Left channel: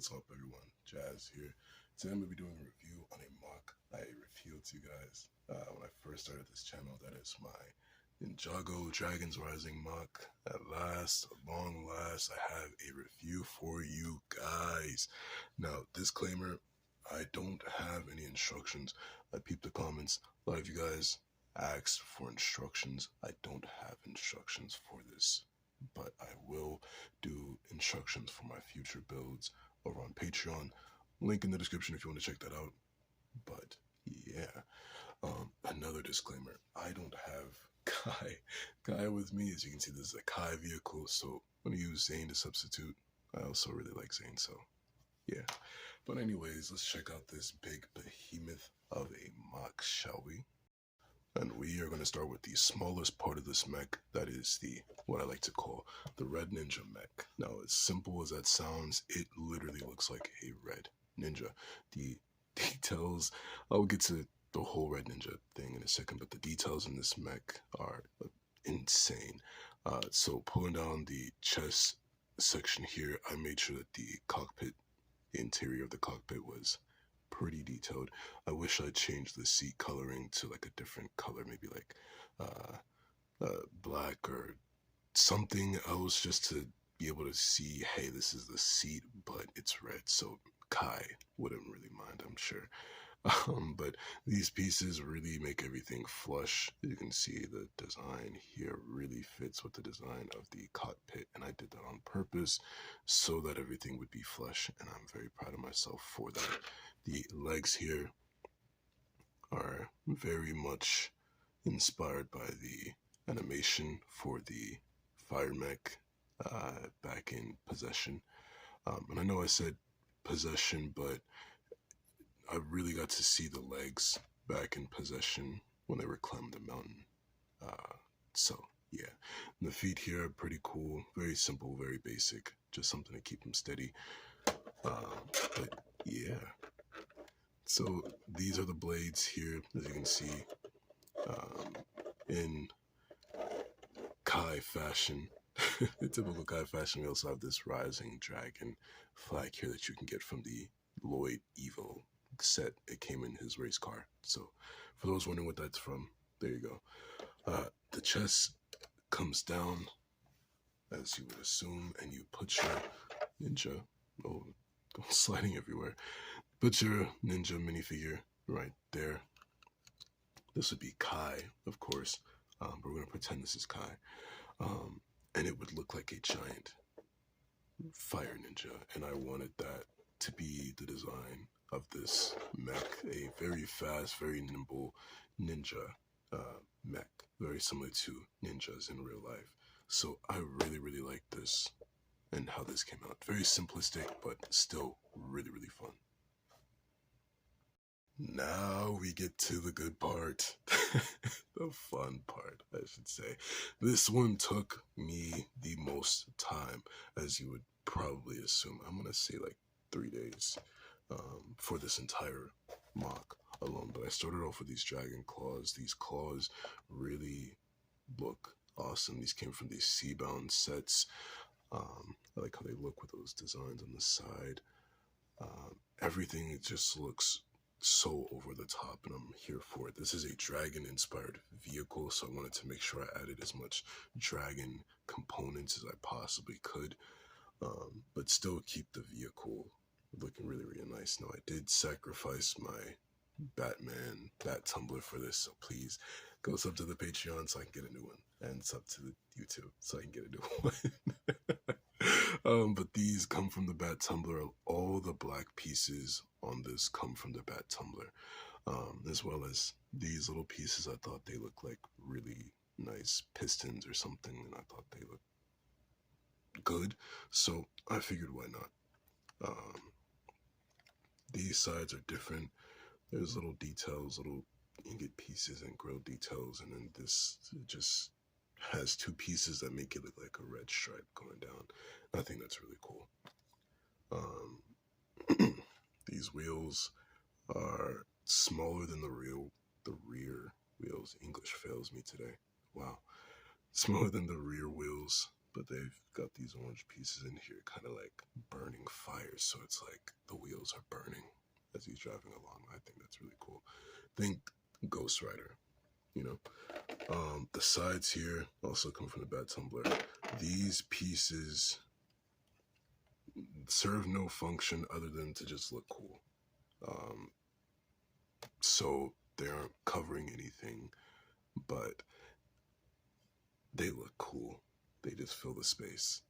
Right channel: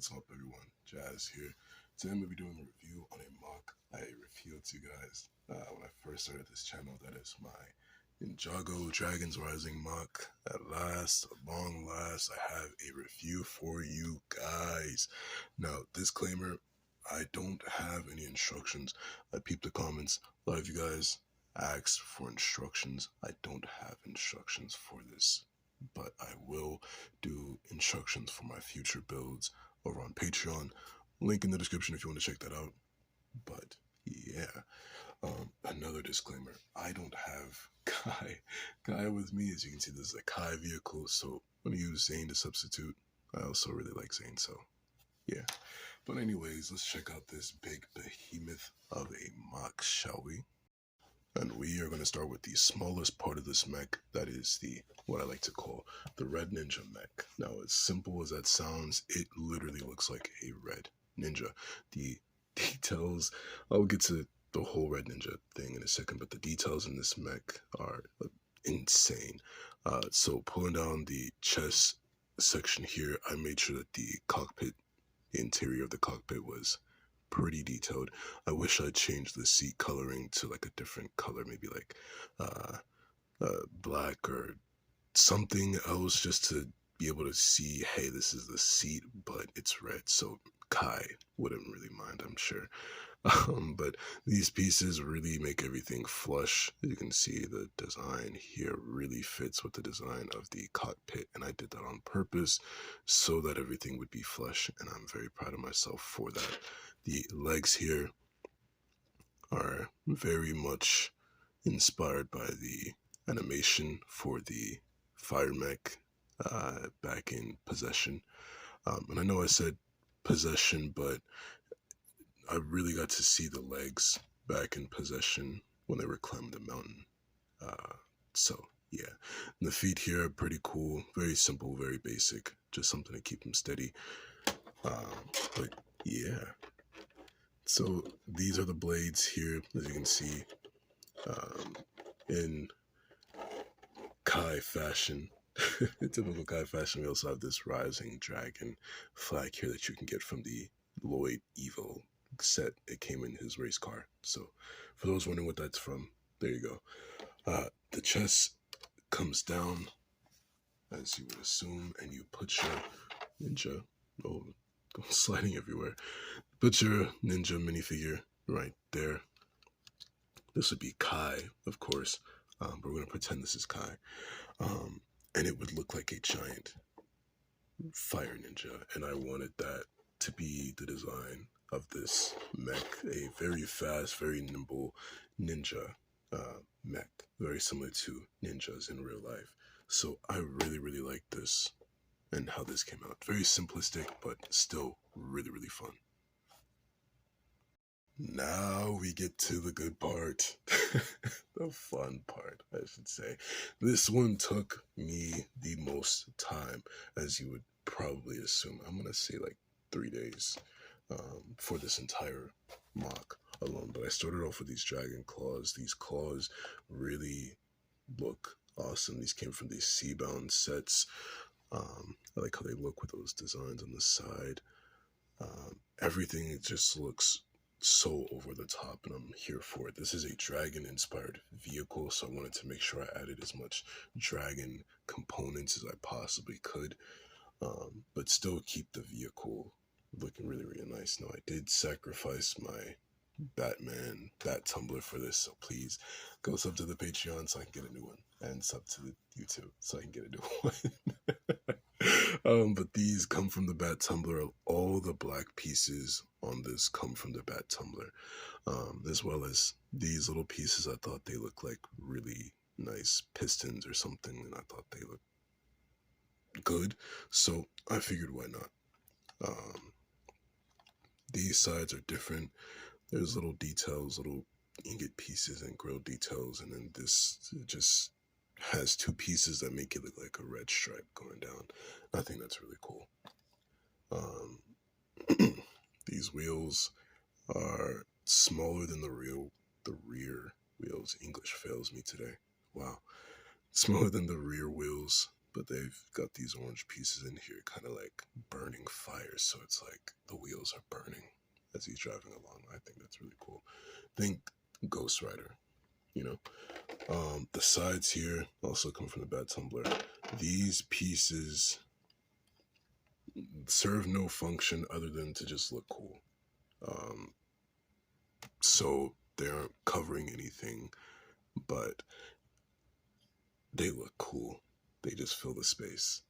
What's up, everyone? Jazz here. Today I'm going to be doing a review on a MOC I revealed to you guys when I first started this channel. That is my Ninjago Dragons Rising MOC. At last, at long last, I have a review for you guys. Now, disclaimer, I don't have any instructions. I peeped the comments. A lot of you guys asked for instructions. I don't have instructions for this, but I will do instructions for my future builds over on Patreon. Link in the description if you want to check that out. But yeah, another disclaimer, I don't have Kai with me. As you can see, this is a Kai vehicle, so I'm going to use Zane to substitute. I also really like Zane, so yeah. But anyways, let's check out this big behemoth of a MOC, shall we? And we are going to start with the smallest part of this mech, that is what I like to call the Red Ninja mech. Now, as simple as that sounds, it literally looks like a Red Ninja. The details, I'll get to the whole Red Ninja thing in a second, but the details in this mech are insane. So pulling down the chest section here, I made sure that the interior of the cockpit was pretty detailed. I wish I'd changed the seat coloring to like a different color, maybe like black or something else, just to be able to see, hey, this is the seat, but it's red. So Kai wouldn't really mind, I'm sure. But these pieces really make everything flush. You can see the design here really fits with the design of the cockpit, and I did that on purpose so that everything would be flush, and I'm very proud of myself for that. The legs here are very much inspired by the animation for the fire mech back in Possession. And I know I said Possession, but I really got to see the legs back in Possession when they were climbing the mountain. So yeah, and the feet here are pretty cool, very simple, very basic, just something to keep them steady. But yeah. So these are the blades here, as you can see, in Kai fashion. In typical Kai fashion, we also have this Rising Dragon flag here that you can get from the Lloyd Evo set. It came in his race car. So for those wondering what that's from, there you go. The chest comes down, as you would assume, and you put your ninja, sliding everywhere. Put your ninja minifigure right there. This would be Kai, of course, but we're going to pretend this is Kai. And it would look like a giant fire ninja. And I wanted that to be the design of this mech. A very fast, very nimble ninja mech. Very similar to ninjas in real life. So I really, really like this and how this came out. Very simplistic, but still really, really fun. Now we get to the good part, the fun part, I should say. This one took me the most time, as you would probably assume. I'm going to say like 3 days for this entire MOC alone. But I started off with these dragon claws. These claws really look awesome. These came from these Seabound sets. I like how they look with those designs on the side. Everything, it just looks so over the top, and I'm here for it. This is a dragon inspired vehicle, so I wanted to make sure I added as much dragon components as I possibly could, but still keep the vehicle looking really, really nice. Now, I did sacrifice my Batman bat tumbler for this, so please go sub to the Patreon so I can get a new one, and sub to the YouTube so I can get a new one. But these come from the bat tumbler. All the black pieces on this come from the bat tumbler, as well as these little pieces. I thought they looked like really nice pistons or something, and I thought they looked good, so I figured why not. These sides are different. There's little details, little ingot pieces and grill details, and then this just has 2 pieces that make it look like a red stripe going down. I think that's really cool. These wheels are smaller than the rear wheels. English fails me today. Wow. Smaller than the rear wheels, but they've got these orange pieces in here, kind of like burnt burning fire, so it's like the wheels are burning as he's driving along. I think that's really cool. Think Ghost Rider, you know. The sides here also come from the Bat Tumbler. These pieces serve no function other than to just look cool. So they aren't covering anything, but they look cool. They just fill the space.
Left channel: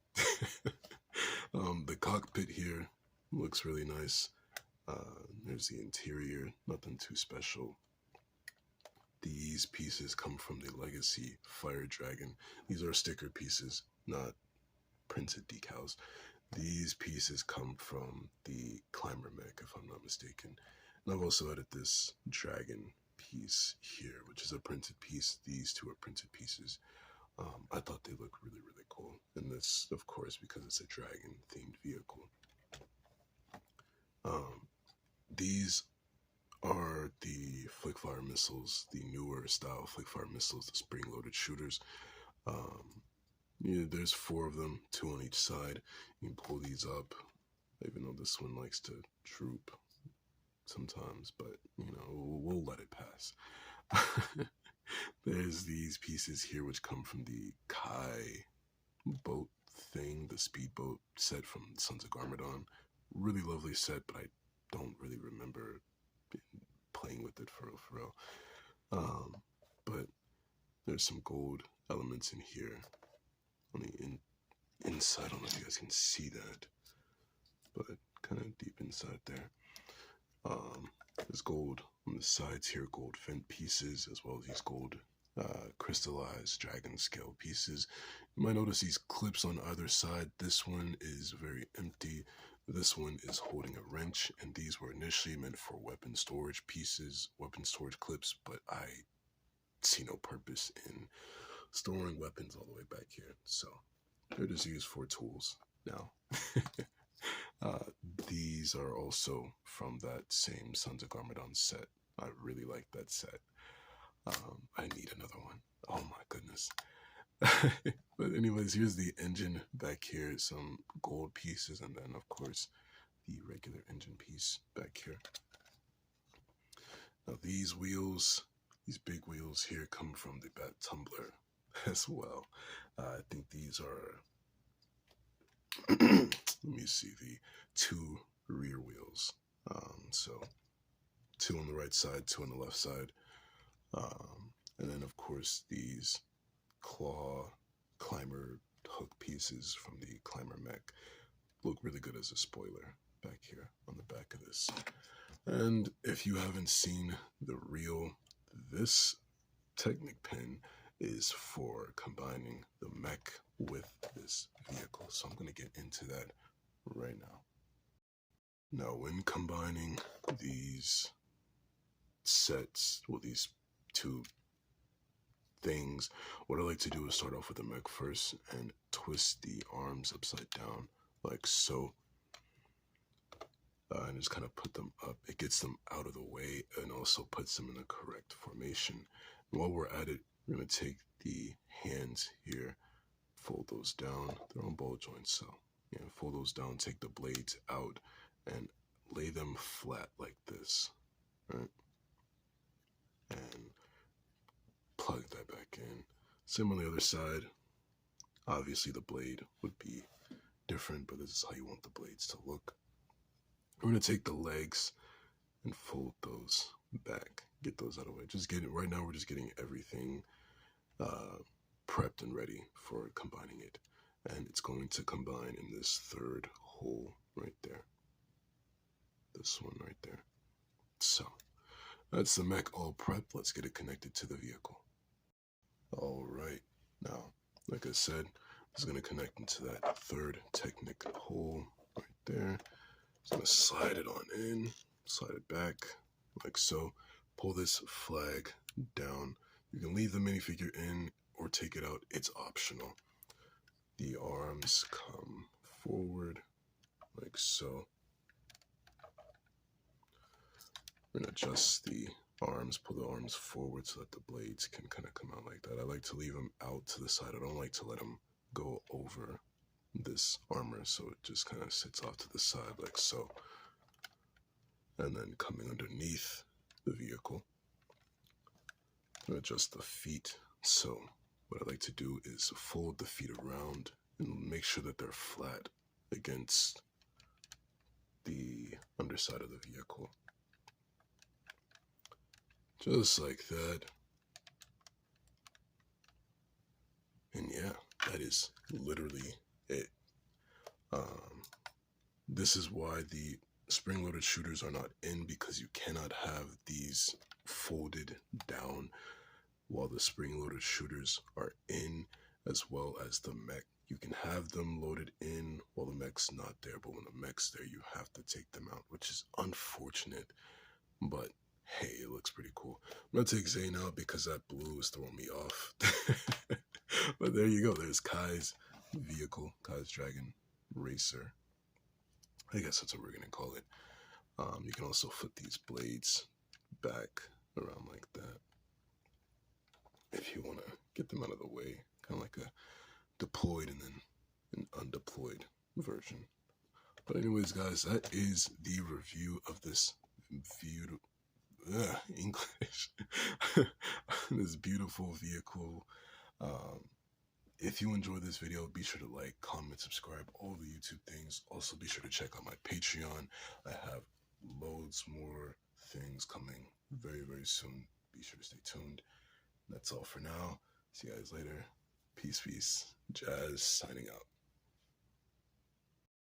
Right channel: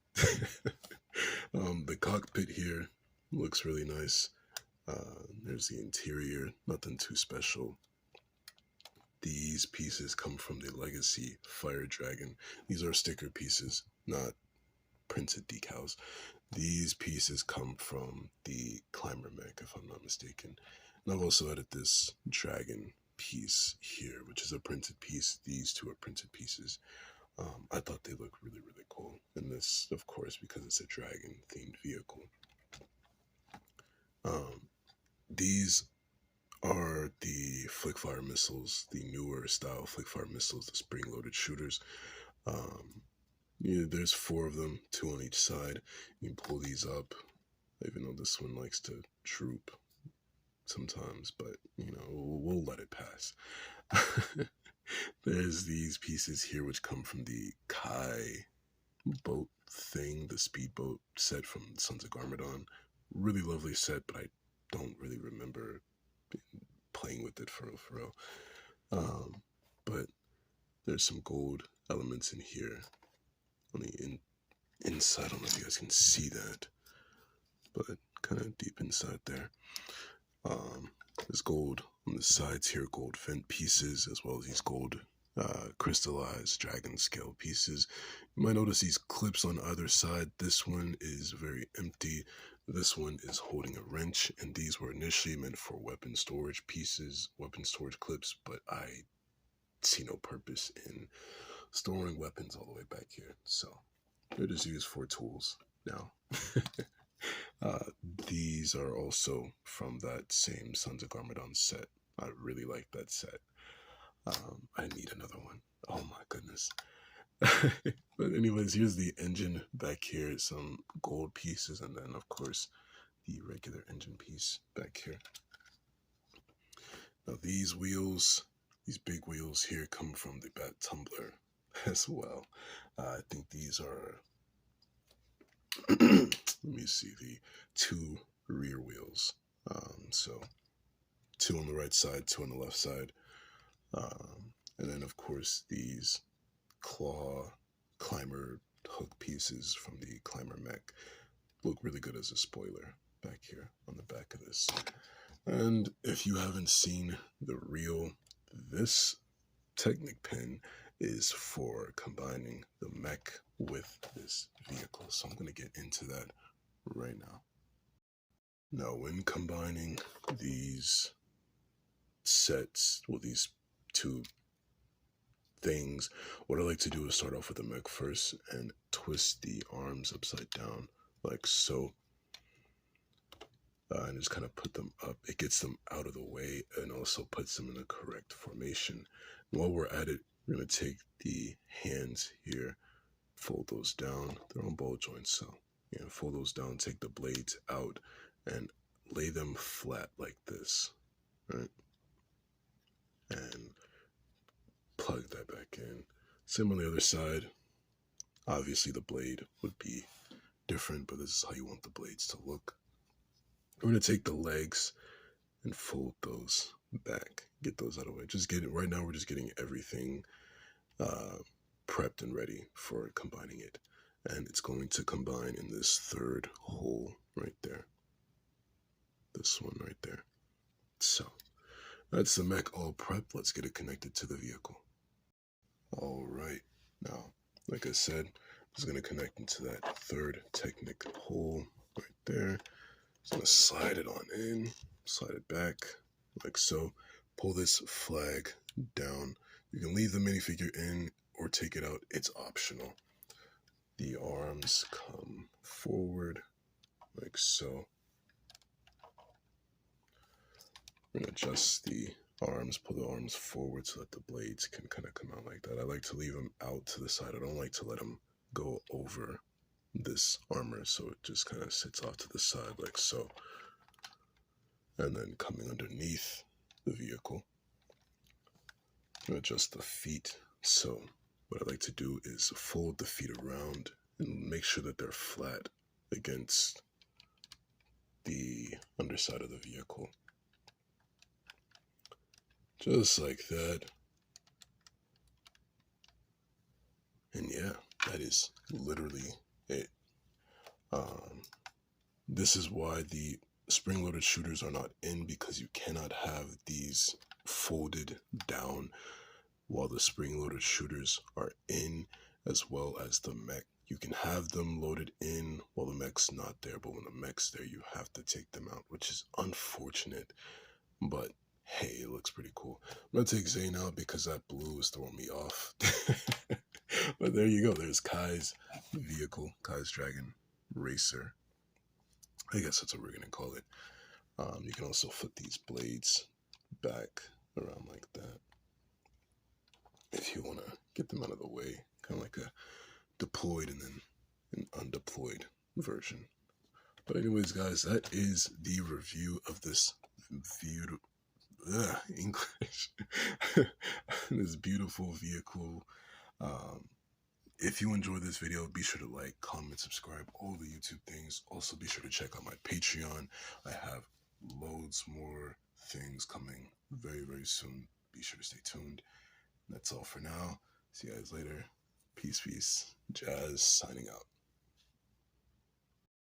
The cockpit here looks really nice. There's the interior, nothing too special. These pieces come from the Legacy Fire Dragon. These are sticker pieces, not printed decals. These pieces come from the Climber mech, if I'm not mistaken. And I've also added this dragon piece here, which is a printed piece. These two are printed pieces. I thought they look really, really cool. And this, of course, because it's a dragon-themed vehicle. These are the Flickfire missiles, the newer style Flickfire missiles, the spring-loaded shooters. Yeah, there's 4 of them, 2 on each side. You can pull these up, even though this one likes to droop sometimes, but, you know, we'll let it pass. There's these pieces here which come from the Kai boat thing, the speedboat set from Sons of Garmadon. Really lovely set, but I don't really remember playing with it for real. But there's some gold elements in here on the inside. I don't know if you guys can see that, but kind of deep inside there. There's gold on the sides here, gold vent pieces, as well as these gold crystallized dragon scale pieces. You might notice these clips on either side. This one is very empty. This one is holding a wrench, and these were initially meant for weapon storage pieces, weapon storage clips, but I see no purpose in storing weapons all the way back here, so they're just used for tools now. These are also from that same Sons of Garmadon set. I really like that set. I need another one. Oh my goodness. But anyways, here's the engine back here, some gold pieces, and then of course the regular engine piece back here. Now these wheels, these big wheels here, come from the Bat Tumbler as well. I think these are let me see, the 2 rear wheels. So 2 on the right side, 2 on the left side. And then of course these claw climber hook pieces from the Climber mech look really good as a spoiler back here on the back of this. And if you haven't seen the reel, this Technic pin is for combining the mech with this vehicle. So I'm going to get into that right now. Now, when combining these sets, well, these 2 things, what I like to do is start off with the mech first and twist the arms upside down like so. And just kind of put them up. It gets them out of the way and also puts them in the correct formation. And while we're at it, we're going to take the hands here, fold those down. They're on ball joints, so yeah, fold those down, take the blades out, and lay them flat like this, right? And plug that back in. Same on the other side. Obviously, the blade would be different, but this is how you want the blades to look. We're going to take the legs and fold those back, get those out of the way. Just get it right now. We're just getting everything prepped and ready for combining it. And it's going to combine in this 3rd hole right there. This one right there. So that's the mech all prepped. Let's get it connected to the vehicle. All right. Now, like I said, I'm just going to connect into that 3rd Technic hole right there. Just going to slide it on in, slide it back like so. Pull this flag down. You can leave the minifigure in or take it out. It's optional. The arms come forward like so. We're going to adjust the arms, pull the arms forward so that the blades can kind of come out like that. I like to leave them out to the side. I don't like to let them go over this armor, so it just kind of sits off to the side like so. And then coming underneath the vehicle, adjust the feet. So what I like to do is fold the feet around and make sure that they're flat against the underside of the vehicle. Just like that. And yeah, that is literally it. This is why the spring-loaded shooters are not in, because you cannot have these folded down while the spring-loaded shooters are in, as well as the mech. You can have them loaded in while the mech's not there, but when the mech's there, you have to take them out, which is unfortunate, but hey, it looks pretty cool. I'm gonna take Zane out because that blue is throwing me off. But there you go. There's Kai's vehicle, Kai's Dragon Racer. I guess that's what we're gonna call it. You can also flip these blades back around like that if you want to get them out of the way, kind of like a deployed and then an undeployed version. But anyways, guys, that is the review of this English this beautiful vehicle. If you enjoyed this video, be sure to like, comment, subscribe, all the YouTube things. Also, be sure to check out my Patreon. I have loads more things coming very, very soon. Be sure to stay tuned. That's all for now. See you guys later. Peace, peace. Jazz signing out.